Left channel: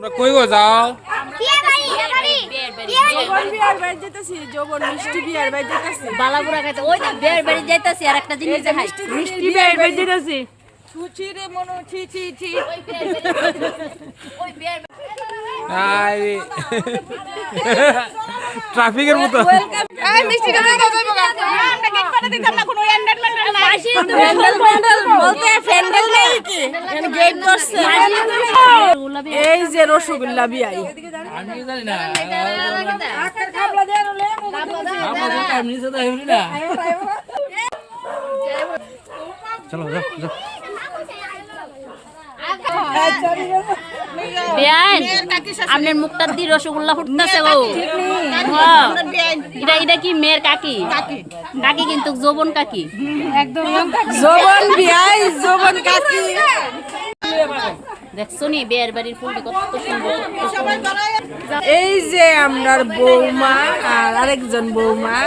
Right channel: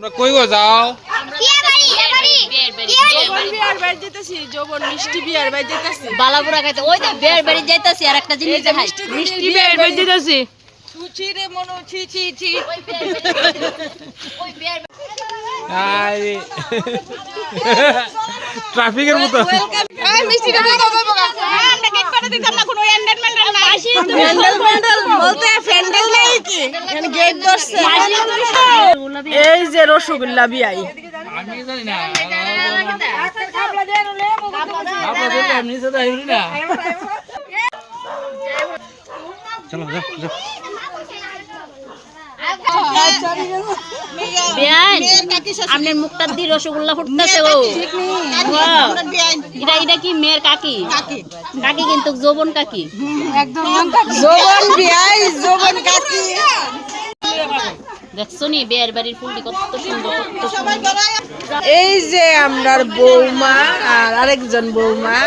তোমরা কই গো যাও? বিয়ার বাড়ি যেতেছি, যৌবন মিষ্টি বিয়ার বাড়ি যেতেছি। বালাপুরা খাইতে ওই তো বিয়ার বাড়ি যাইতাছি আর একটা জিনিস দেখাই মিষ্টি বিয়ার বাড়ি যেতেছি। ছুচি রে মনু ছি ছি ছি। আই ট্রাফিকের মতো এই মিষ্টি রে দাও দাও দাও। আমরা গেট করে দিতাম না কোনো এন্ডারমেন্ট না। ফ্যান্ডেল বলতে ফ্যান্ডেল নেই কি? মানে গেট করছে। এই যে রসগোল্লা বিয়াই। আমি জানি না খাবলা দেন লে আপনাদের এমনি সাথে হইল না চলো যাও যাও বিয়ান আপনার মুখটা দি রসগোল্লা ফুটতেছে ও এটা এটা কি মেয়ের কাকি কাকি কিন্তু যৌবন কাকি যৌবন বিয়াই যৌবন কাকি। দেখছো নি বিয়ের বাড়ির ফুলটি কত সুন্দর কত সুন্দর। এই যে আমরার বৌমা আর আরেকজন বৌমা।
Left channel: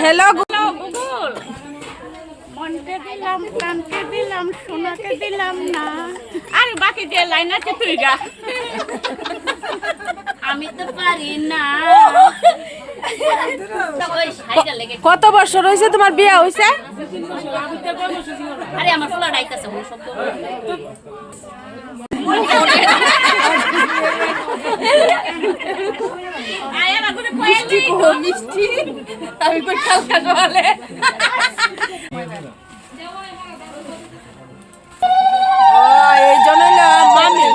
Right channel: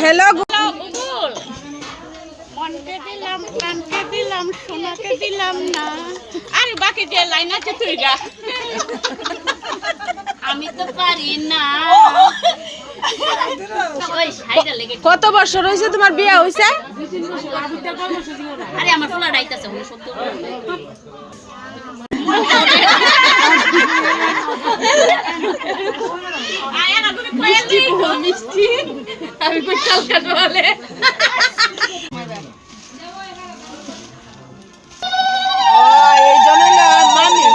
হ্যালো গুগল মনকে দিলাম কানকে দিলাম সোনাকে দিলাম না আর বাকি যে লাইন আছে তুই গা আমি তো পারি না। কত বছর হয়েছে তোমার বিয়ে হয়েছে? আরে আমার ফুলা ডাইতাছে ওই শব্দ মিষ্টি কো মিষ্টি আমি কোথাও কাটওয়ালে এই জন্য মামি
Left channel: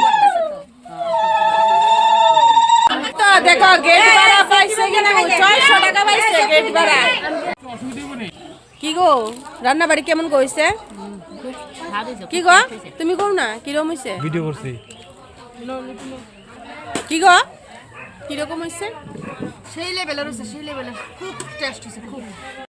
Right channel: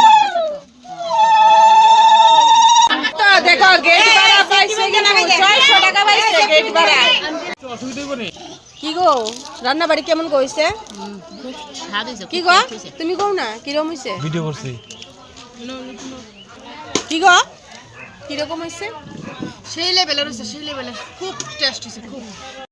তো দেখো গেট ভাড়া পাইছে কিনা 600 টাকা পাইছে গেট ভাড়া। কি গো রান্না বাড়ি কেমন কইছে? কি গো তুমি কও না কিরকম হইছে? ভিডিও করছি কি গো কিরকম হইছে? সেই লেভেলের হইছে, সেই লেভেলের খুব টেস্ট হইছে খুব।